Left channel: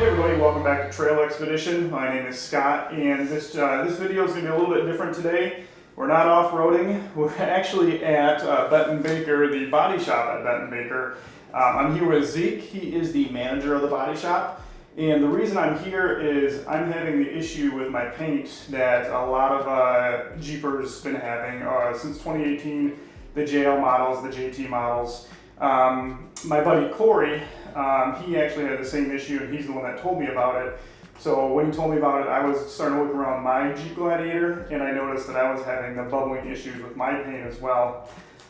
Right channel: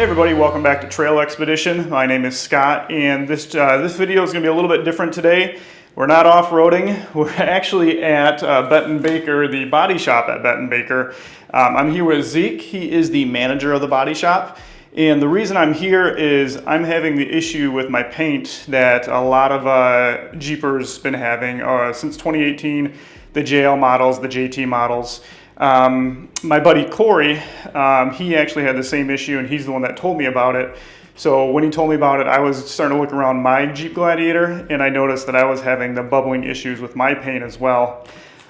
Hey everybody, welcome back to Trail Expedition. My name is Scott, and this video is going to be a little bit different today. We're not off-roading. We're actually at Betten Baker, the body shop at Betten Baker. I'm here with Zeke. He is the manager of the body shop. And the reason I'm here is I'm having the issue with my paint that a lot of Jeepers been having since 2018, the JL models, the JT models. My buddy Corey, he actually had the same issue, and he's the one that told me about it. So when he told me about it, I was starting to look around my Jeep Gladiator, and I noticed that I was having the bubbling issues with my paint as well.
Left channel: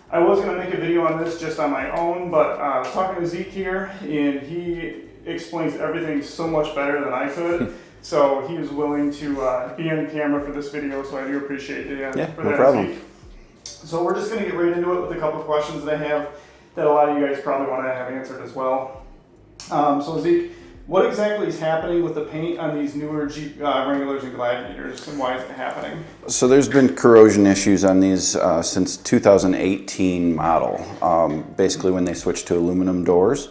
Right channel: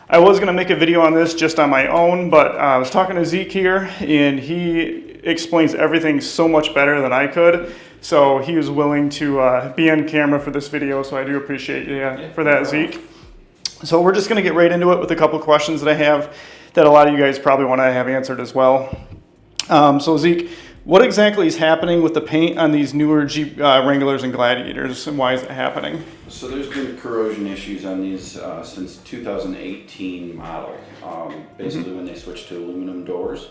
I was going to make a video on this just on my own, but I was talking to Zeke here, and he explains everything so much better than I could. So he was willing to be on camera for this video, so I do appreciate you for that, Zeke. So we're just going to get right into it with a couple of questions that I have that a lot of you guys probably want to have answered as well. So Zeke, what exactly is happening with the paint on these newer Jeep Wranglers and Gladiators, and why is it happening? So there's been corrosion issues on these since 2018 model, basically when they switched to aluminum doors.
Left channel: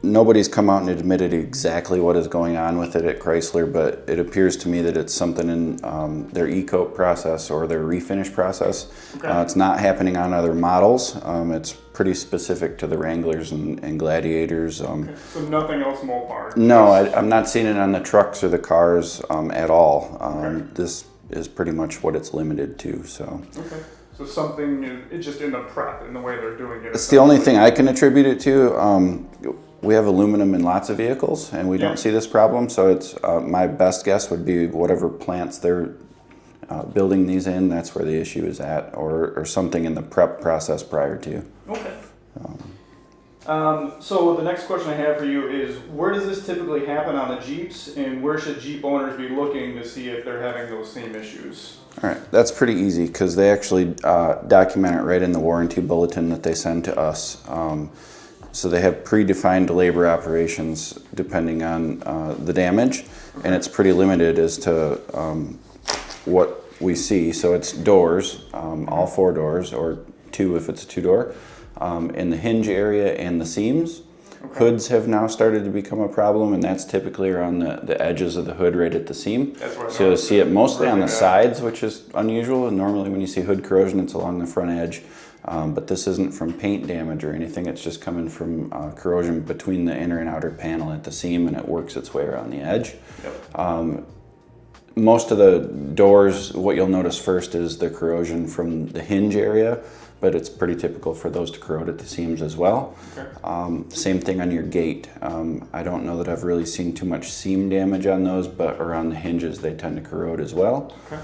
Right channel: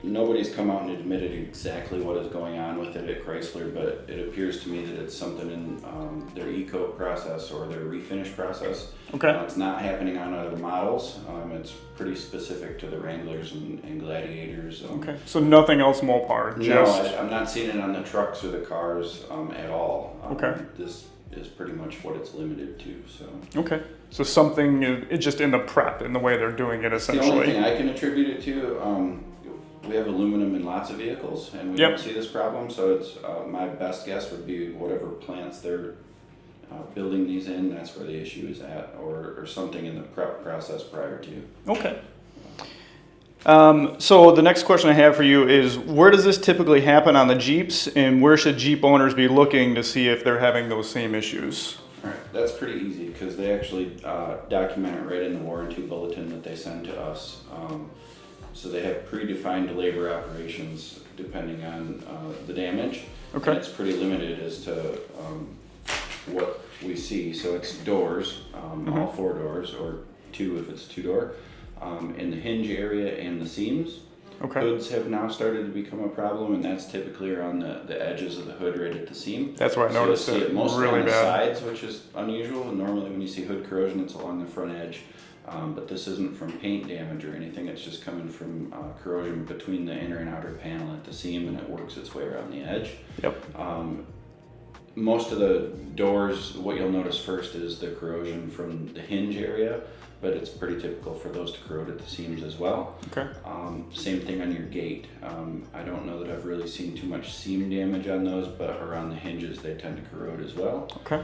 Nobody's come out and admitted exactly what is going on with it at Chrysler, but it appears to me that it's something in their e-coat process or their refinish process. Okay. It's not happening on other models. It's pretty specific to the Wranglers and Gladiators. Okay. So nothing else Mopar? No, I'm not seeing it on the trucks or the cars at all. Okay. This is pretty much what it's limited to. So. Okay. So something is just in the prep, in the way they're doing it. It's the only thing I can attribute it to. We have aluminum in lots of vehicles, and we don't see this problem. So it's my best guess would be whatever plants they're building these in, that's where the issue is at, or something in the prep process prior to. Okay. So the next question I have for you is, where does this typically happen on the Jeeps, and where should Jeep owners be looking to see if they're having those same issues? All right, that's pretty easy because they actually document it right in the warranty bulletin that they send to us. So they have predefined labor operations depending on the damage, and it's pretty limited as to what we see. So it's doors, all four doors, or two if it's a two-door, in the hinge area and the seams. Okay. Hoods have now started to become a problem, and that's typically around the edges of the hood right at the seam. That's why I So you'll see it mostly really on the bad sides, which is unusual, and normally when you see hood corrosion, it's along the front edge. But this isn't from paint damage or anything, it's just coming from corrosion between the inner and outer panel at the seam, and it works its way around the edge. Yep. Most of the doors, what you'll notice first is the corrosion from the hinge area, but it's pretty typical for those to corrode at the seams as well. Okay. Same thing on your gate. I don't know that I've really seen too much seam damage on those, but around the hinges they tend to corrode as well. Okay.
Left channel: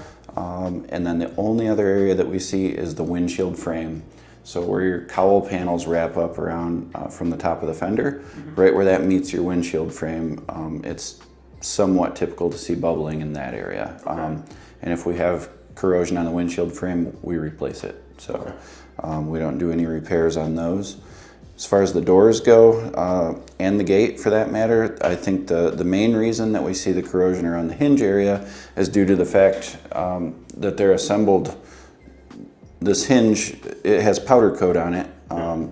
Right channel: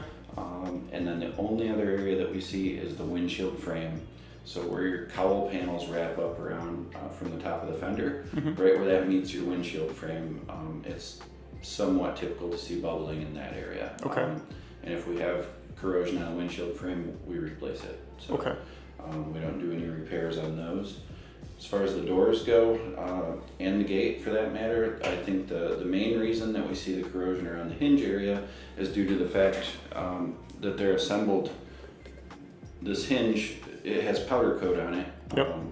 And then the only other area that we see is the windshield frame. So where your cowl panels wrap up around from the top of the fender, right where that meets your windshield frame, it's somewhat typical to see bubbling in that area. Okay. And if we have corrosion on the windshield frame, we replace it. So we don't do any repairs on those. As far as the doors go, and the gate for that matter, I think the main reason that we see the corrosion around the hinge area is due to the fact that they're assembled. This hinge, it has powder coat on it,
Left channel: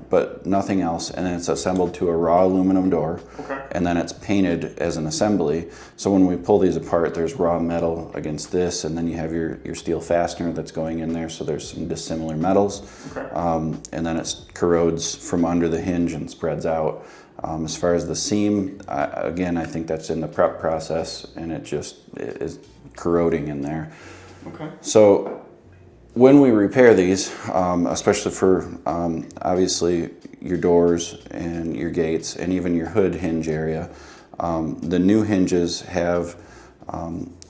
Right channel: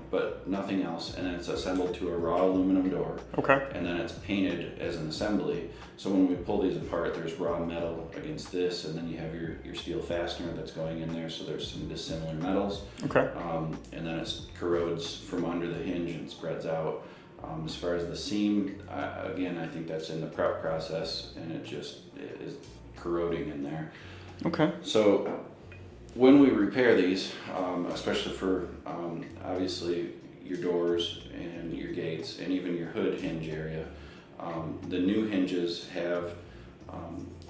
but nothing else, and then it's assembled to a raw aluminum door, and then it's painted as an assembly. So when we pull these apart, there's raw metal against this, and then you have your steel fastener that's going in there, so there's some dissimilar metals. And then it corrodes from under the hinge and spreads out. As far as the seam, again, I think that's in the prep process, and it just is corroding in there. Okay. So when we repair these, especially for obviously your doors and your gates and even your hood hinge area, the new hinges have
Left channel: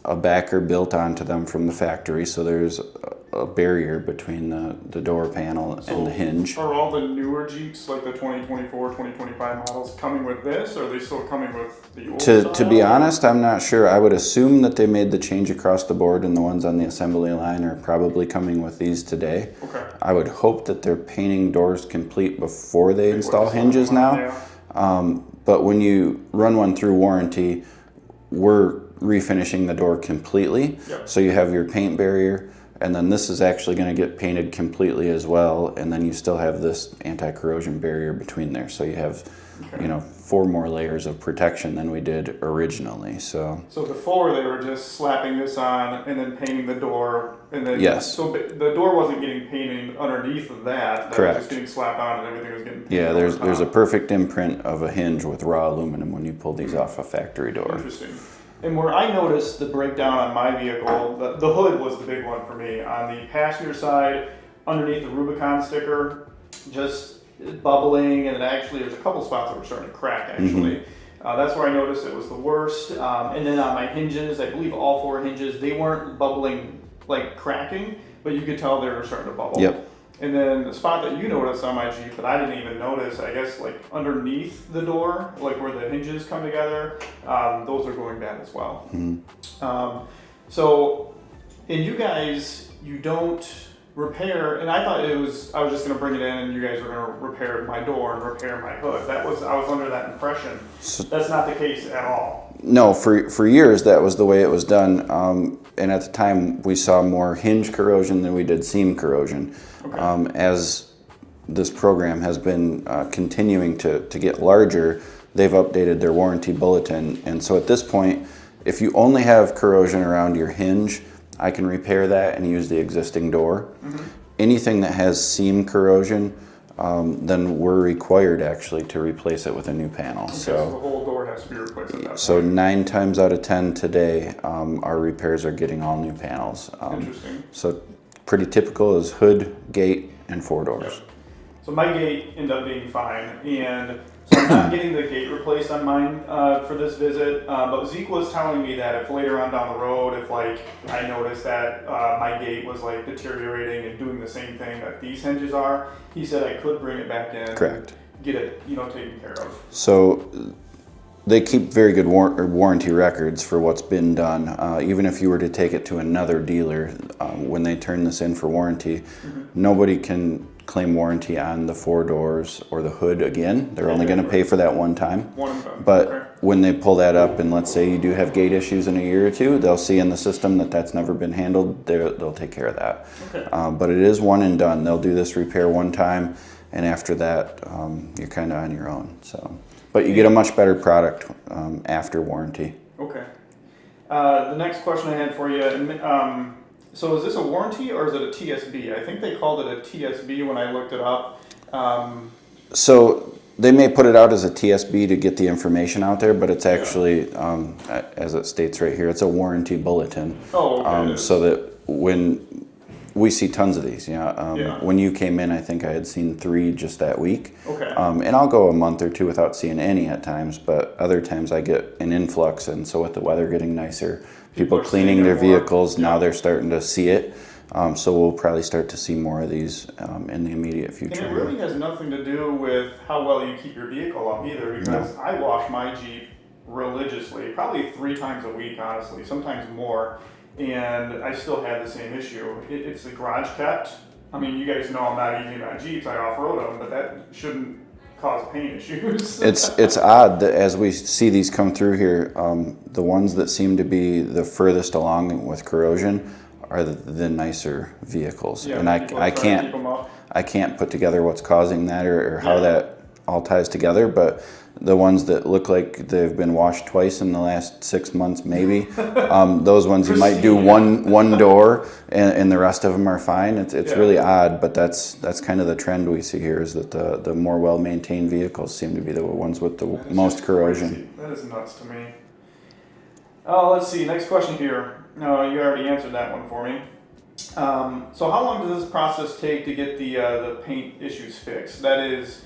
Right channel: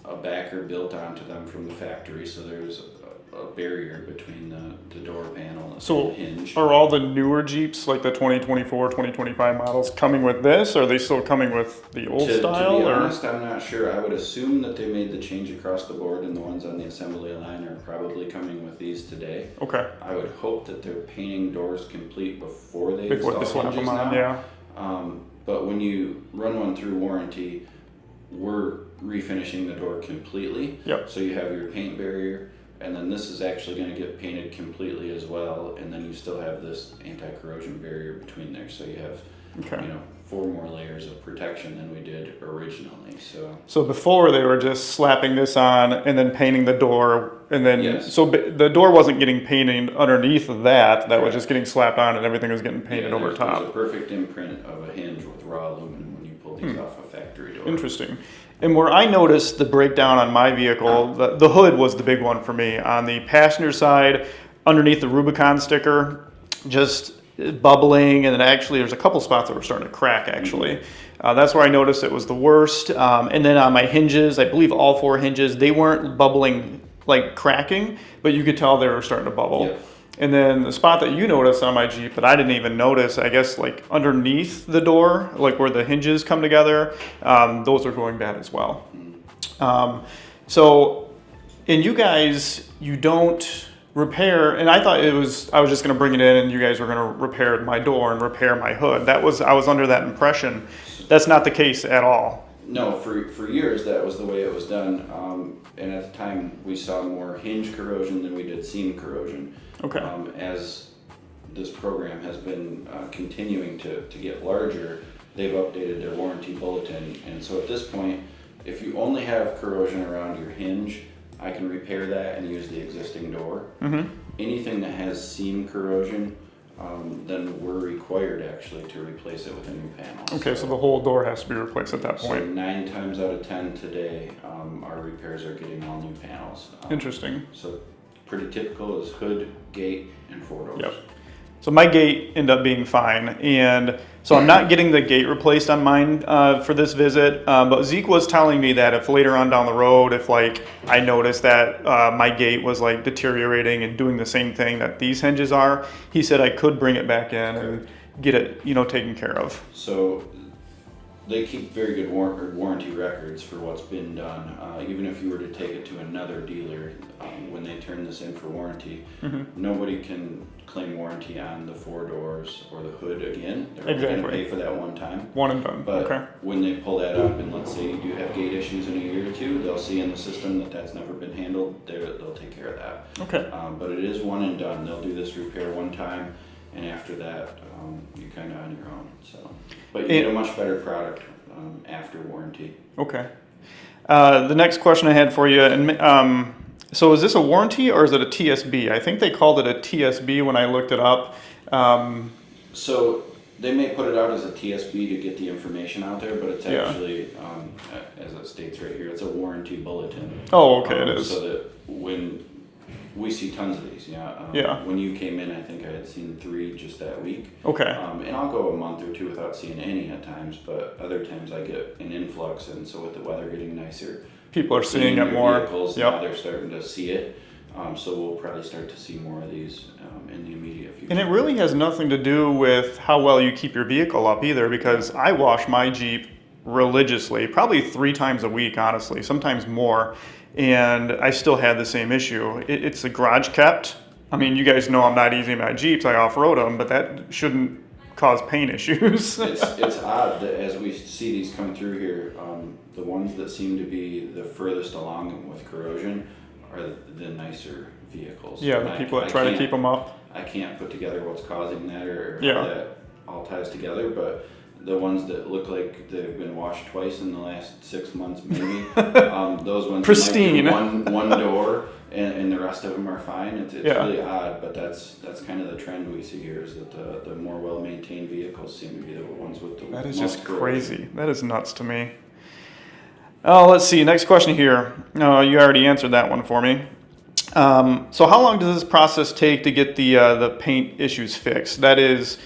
a backer built onto them from the factory, so there's a barrier between the door panel and the hinge. Are all the newer Jeeps, like the 2024, 2025 models, coming with this, or are they still coming with the old style? To be honest, I'm not sure. I would assume that they made the change across the board, and the ones on the assembly line are probably coming with these today. Okay. I would hope that they're painting doors complete before they install hinges now. Yeah. But when you run one through warranty, we're refinishing the door completely. Yep. So you have your paint barrier, and then this is actually going to get painted completely as well, and then you still have this anti-corrosion barrier between there, so you have, you know, 4 more layers of protection than we did originally. So before they were just slapping this on and then painting the door, and then yes. So the door wasn't getting painted underneath of that. That Correct. was just getting slapped on, and everything was getting painted over top. There's a perfect imprint of a hinge with raw aluminum when you pull these off a factory door. Interesting. And where I noticed the breakdown on my vehicle, the hood was the big one for me. On the passenger side, underneath the Rubicon sticker, just bubbling, and then actually there's a couple spots that were starting to crack actually. That's where I noticed it was the worst. And then on my hinges, I believe all 4 hinges, they weren't bubbling like cracking, but you could tell they were starting to bubble. Yep. And then the spot that you noticed on my Jeep that I didn't even notice, I guess like underneath the door, like where the hinges come together, those are going bad as well. So, and you guys, you don't repair, and I thought I was just gonna bring it in and you guys were gonna repair my door and repair my hood. I was under that impression. That's not the case at all. No, for years that was the way it was done, and at the time we saw more hinge corrosion than we did seam corrosion. Okay. As this program has been continuing to get larger, they've updated their warranty bulletin, and so at this point, if you only have corrosion around your hinge, I can repair that and use the existing door. Anything that has seam corrosion, then we're required actually to replace it with a new panel. Okay, so the whole door has to be replaced at that point. So 9 times out of 10 today, our repairs are getting all new panels. Interesting. So pretty typical is hood, gate, and 4 doors. Yep. So my gate ended up being fine, and so I'm not getting the gate replaced on mine for this visit, but Zeke was telling me that if later on down the road, if like I noticed that my gate was like deteriorating and doing the same thing that these hinges are, he said I could bring it back in and get it, you know, taken care of. So they keep very good warranty records for what's been done. Even if you were to take it to another dealer, when they turn this in for warranty, nobody can claim warranty on the 4 doors or the hood again. They're only going to pay for that one time. One and done. But when they pull that up, and let's say you do have gate issues in a year or 2, they'll see in the system that that's never been handled. They'll take care of that. Okay. But it is one and done. They'll do this repair one time, and after that, you're kind of on your own. So, but you get a much better product after warranty. Okay. The next question I had for you, and so is this a warranty or is it a TSB? I think they called it a TSB when I looked it up. So they may put it out as a TSB to get the information out there, but it's actually, as it states right here, it's a warranty bulletin. Oh, okay. It is. So that when we see tons of these, when you came in, I think I had seen 3 just that week. Okay. And I'll go a month or 2 without seeing any at times, but other times I get an influx, and so with the weather getting nicer, people are cleaning their vehicles. Now they're starting to see it. So we'll probably start to see more of these in the immediate future. And it really has nothing to do with how well you keep your vehicle up either, because I wash my Jeep religiously, probably 3 times a week, honestly, sometimes more, and I still had the same issue. It's the garage kept. I mean, you guys know I'm not easy on my Jeeps, I off-road them, but that shouldn't cause paint issues. It's odd that as we see these come through here, the ones that seem to be the furthest along with corrosion are the nicer vehicles. Yeah, and people are trying to keep them up. I can't put together what's causing that or how that all ties together, but the ones that look like they've been washed twice in the last 6 months, maybe, those ones you might do one door and the rest of them are fine. It's really odd, but that's kind of the trend we see here, is that the more well-maintained vehicles seem to be the ones with the most corrosion. Crazy. That is nuts to me. Oh, let's see. Next question here. No, you already answered that one for me. So how long does this process take to get the paint issues fixed? That is,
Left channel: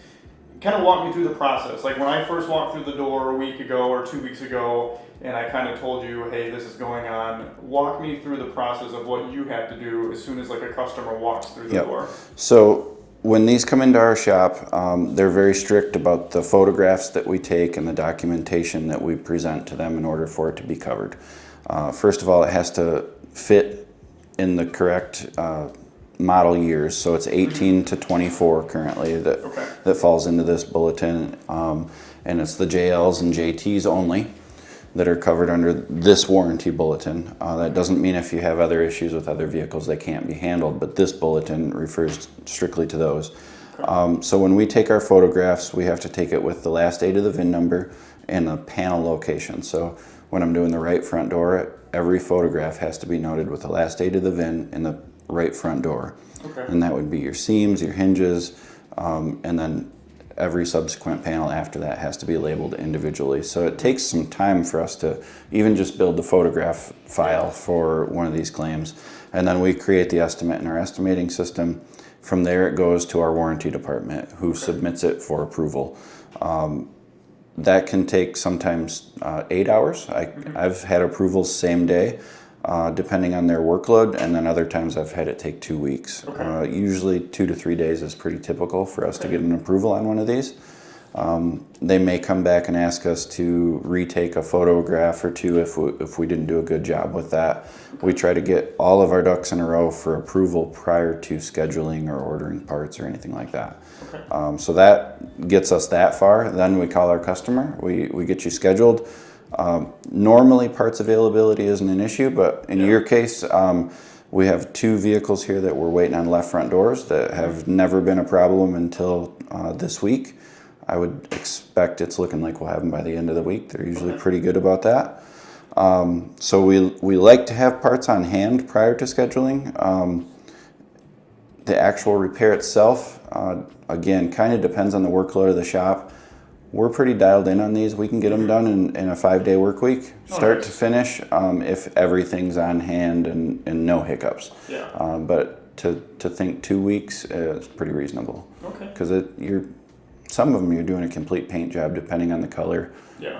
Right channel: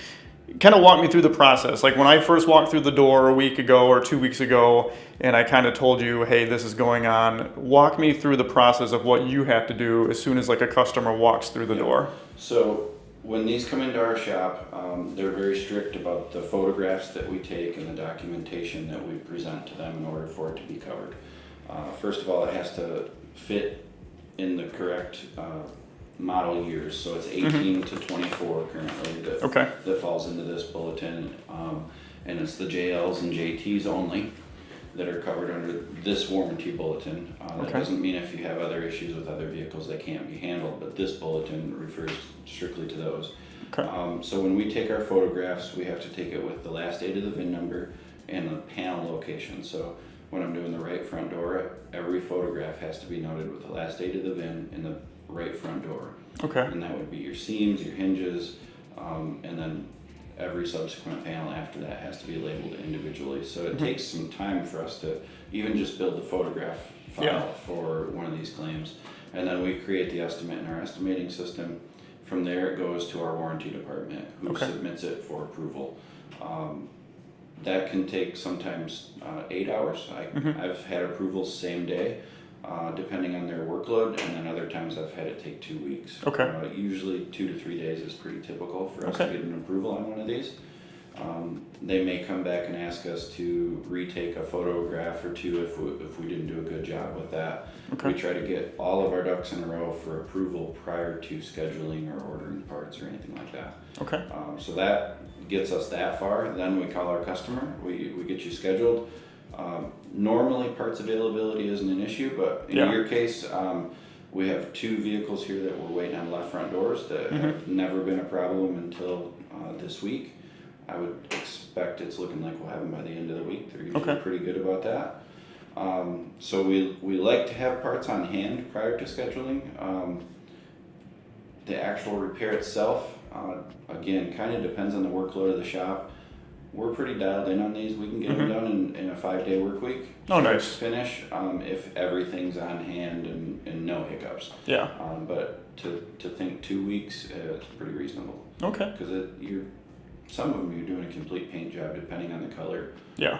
kind of walk me through the process. Like when I first walked through the door a week ago or 2 weeks ago, and I kind of told you, hey, this is going on. Walk me through the process of what you have to do as soon as like a customer walks through the door. So when these come into our shop, they're very strict about the photographs that we take and the documentation that we present to them in order for it to be covered. First of all, it has to fit in the correct model years, so it's 18 to 24 currently that falls into this bulletin, and it's the JLs and JTs only. that are covered under this warranty bulletin. That doesn't mean if you have other issues with other vehicles they can't be handled, but this bulletin refers strictly to those. Okay. So when we take our photographs, we have to take it with the last 8 of the VIN number and the panel location. So when I'm doing the right front door, every photograph has to be noted with the last 8 of the VIN and the right front door. Okay. And that would be your seams, your hinges, and then every subsequent panel after that has to be labeled individually. So it takes some time for us to even just build the photograph file for one of these claims. And then we create the estimate in our estimating system. From there it goes to our warranty department who submits it for approval. That can take sometimes 8 hours. I've had approvals same day, depending on their workload, and then other times I've had it take 2 weeks. Okay. Usually 2 to 3 days is pretty typical for us to get an approval on one of these. They may come back and ask us to retake a photograph or two if we didn't do a good job with that. We try to get all of our ducks in a row for approval prior to scheduling or ordering parts or anything like that. Okay. So that gets us that far. Then we call our customer. We get you scheduled. Normally parts availability isn't an issue, but in your case, we have 2 vehicles here that we're waiting on left front doors that have never been a problem until this week. I would expect it's looking like we'll have them by the end of the week. They're usually pretty good about that. So we like to have parts on hand prior to scheduling. The actual repair itself, again, kind of depends on the workload of the shop. We're pretty dialed in on these. We can get them done in a 5-day work week, start to finish, if everything's on hand and no hiccups. Yeah. But to think 2 weeks is pretty reasonable. Okay. Because some of them you're doing a complete paint job depending on the color. Yeah.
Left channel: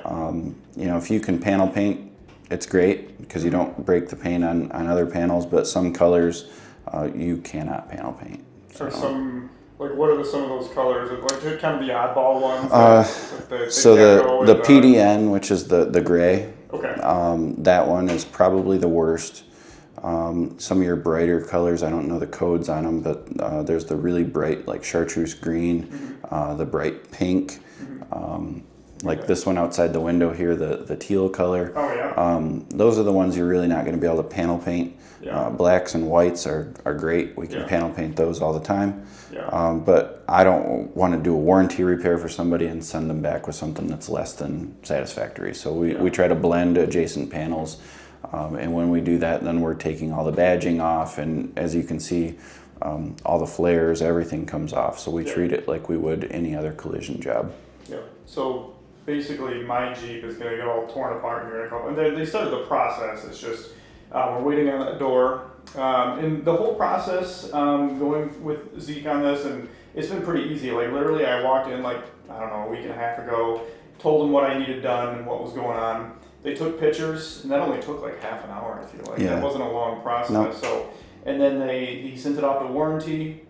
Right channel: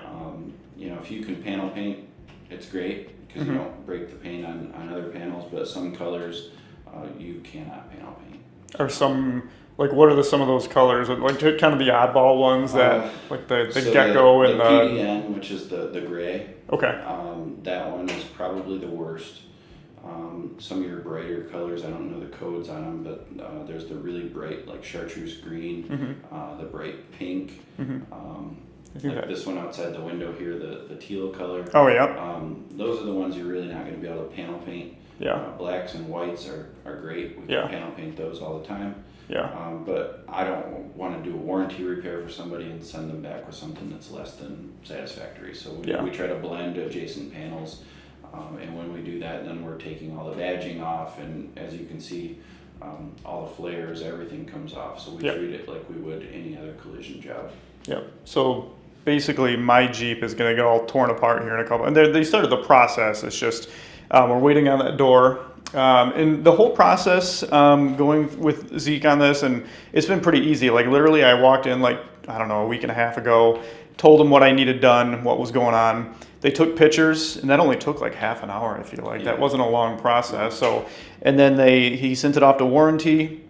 If you can panel paint, it's great because you don't break the paint on other panels, but some colors you cannot panel paint. Or some, like, what are some of those colors? Like kind of the oddball ones, that, like the So gecko the and PDN, which is the gray, Okay. that one is probably the worst. Some of your brighter colors, I don't know the codes on them, but there's the really bright, like chartreuse green, the bright pink, like this one outside the window here, the teal color. Oh, yeah. Those are the ones you're really not going to be able to panel paint. Yeah. Blacks and whites are great. We can panel paint those all the time. Yeah. But I don't want to do a warranty repair for somebody and send them back with something that's less than satisfactory. So we try to blend adjacent panels. And when we do that, then we're taking all the badging off, and as you can see, all the flares, everything comes off. So we treat it like we would any other collision job. Yep. So basically, my Jeep is going to get all torn apart here in a couple. And they started the process. It's just we're waiting on that door. And the whole process, going with Zeke on this, and it's been pretty easy. Like literally, I walked in a week and a half ago, told them what I needed done, what was going on. They took pictures, and that only took like half an hour. I feel like that wasn't a long process. No. So, and then he sent it off to warranty.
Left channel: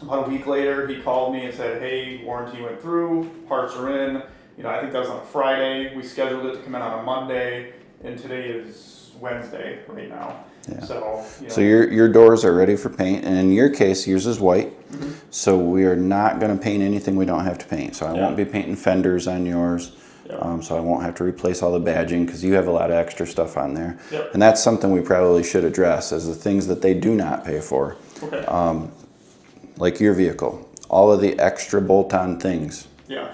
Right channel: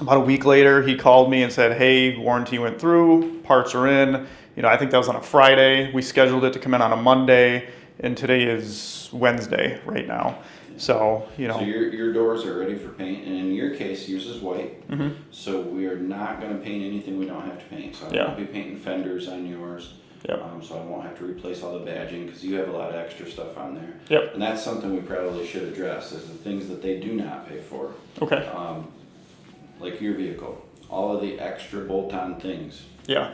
About a week later, he called me and said, "Hey, warranty went through. Parts are in." I think that was on a Friday. We scheduled it to come in on a Monday, and today is Wednesday right now. Yeah. So So your doors are ready for paint, and in your case, yours is white. So we are not going to paint anything we don't have to paint. So I won't be painting fenders on yours. Yep. So I won't have to replace all the badging because you have a lot of extra stuff on there. Yep. And that's something we probably should address as the things that they do not pay for. Okay. Like your vehicle, all of the extra bolt-on things. Yeah.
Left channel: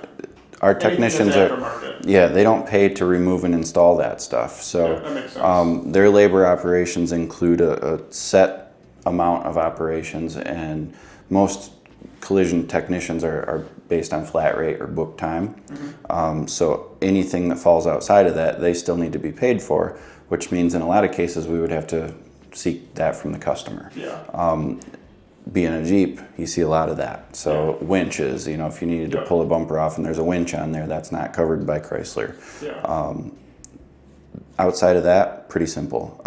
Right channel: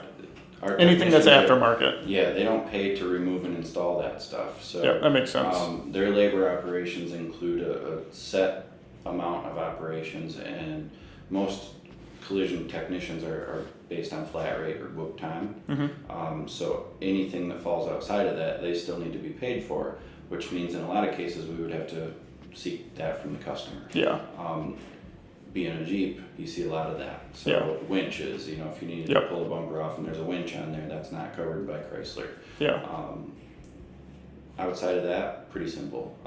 Our Anything technicians that's aftermarket. they don't pay to remove and install that stuff. So that makes sense. Their labor operations include a set amount of operations, and most collision technicians are based on flat rate or book time. So anything that falls outside of that, they still need to be paid for, which means in a lot of cases we would have to seek that from the customer. Yeah. Being a Jeep, you see a lot of that. So winches, if you needed to pull a bumper off and there's a winch on there, that's not covered by Chrysler. Yeah. Outside of that, pretty simple.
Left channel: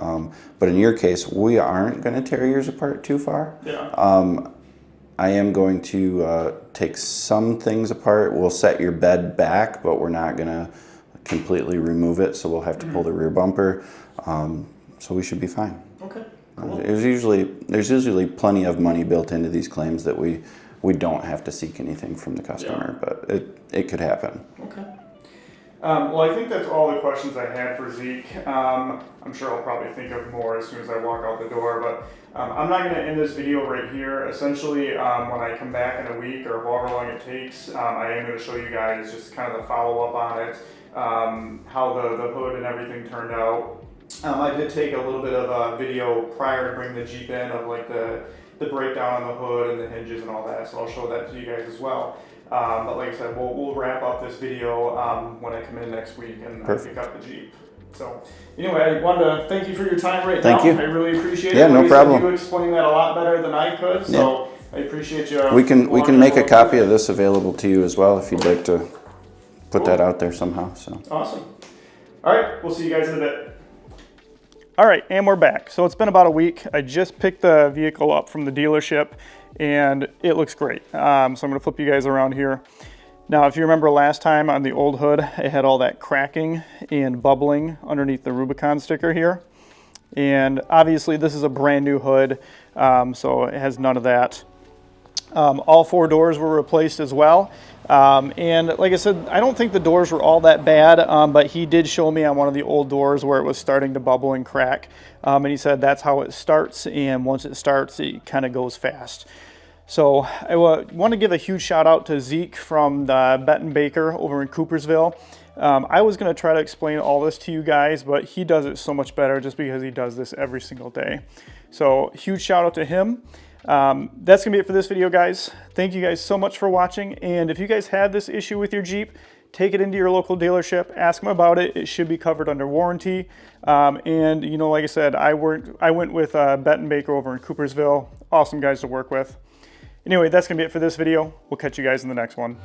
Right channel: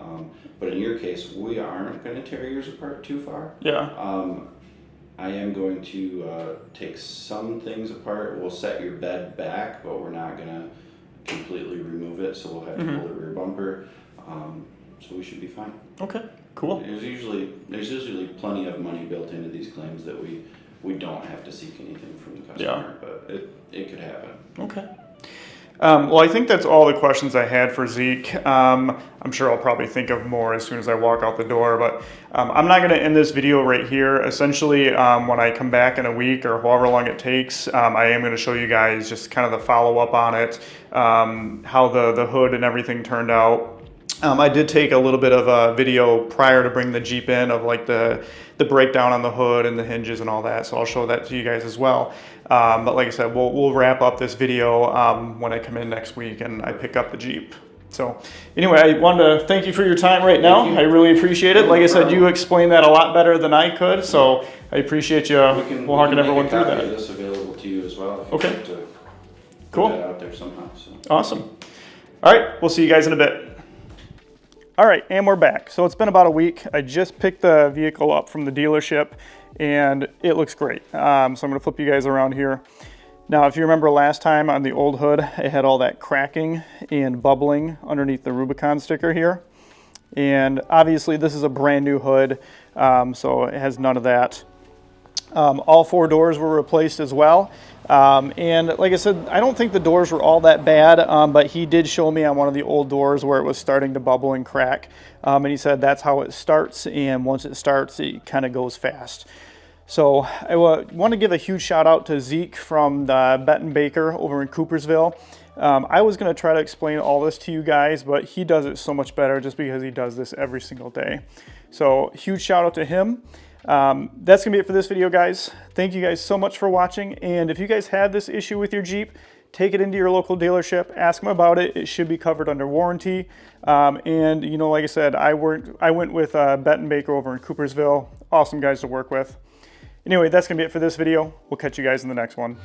But in your case, we aren't going to tear yours apart too far. Yeah. I am going to take some things apart. We'll set your bed back, but we're not going to completely remove it, so we'll have to pull the rear bumper. So we should be fine. Okay. Cool. There's usually plenty of money built into these claims that we don't have to seek anything from the customer, but it could happen. Okay. Well, I think that's all the questions I had for Zeke. I'm sure I'll probably think of more as soon as I walk out the door, but I'm not going to end this video right here. Essentially, when I come back in a week or however long it takes, I am going to show you guys just kind of the follow-up on it, how the hood and everything turned out. I did take a little bit of a video prior to bring the Jeep in of like the breakdown on the hood and the hinges and all that, so I'll show that to you guys as well. But like I said, we'll wrap up this video when I come in next week and I pick up the Jeep. So anyway, I wanted to thank you for your time right now. I really appreciate it. Like I said, you explained that a lot better than I could, so I appreciate you. We can make a copy of this available to you as well if you'd like to put that out there somehow. So awesome. All right, we'll see you guys in a bit. All right, and we're back. So it's been about a week. I just picked the vehicle up from the dealership and it looks great. So I'm gonna flip you guys around here. Now, if you remember last time on the old hood, it had all that cracking and bubbling underneath the Rubicon sticker here. And obviously this is a brand new hood, so it has none of that. All 4 doors were replaced as well. And like I said, I don't think the doors were all that bad, but he did show me on one of the old doors where it was starting to bubble and crack. And he said that's how it starts, and once it starts, it kind of goes fast. So I want to give a huge shout out to Zeke from the Betten Baker over in Coopersville. I was going to try to explain all this to you guys, but he does it so much better just because he does this every single day. So huge shout out to him. That's gonna be it for this video, guys. Thank you guys so much for watching, and if you guys have this issue with your Jeep, take it into your local dealership, ask them about it. It should be covered under warranty. And you know, like I said, I went with Betten Baker over in Coopersville. Awesome guys to work with. Anyway, that's gonna be it for this video. We'll catch you guys in the next one.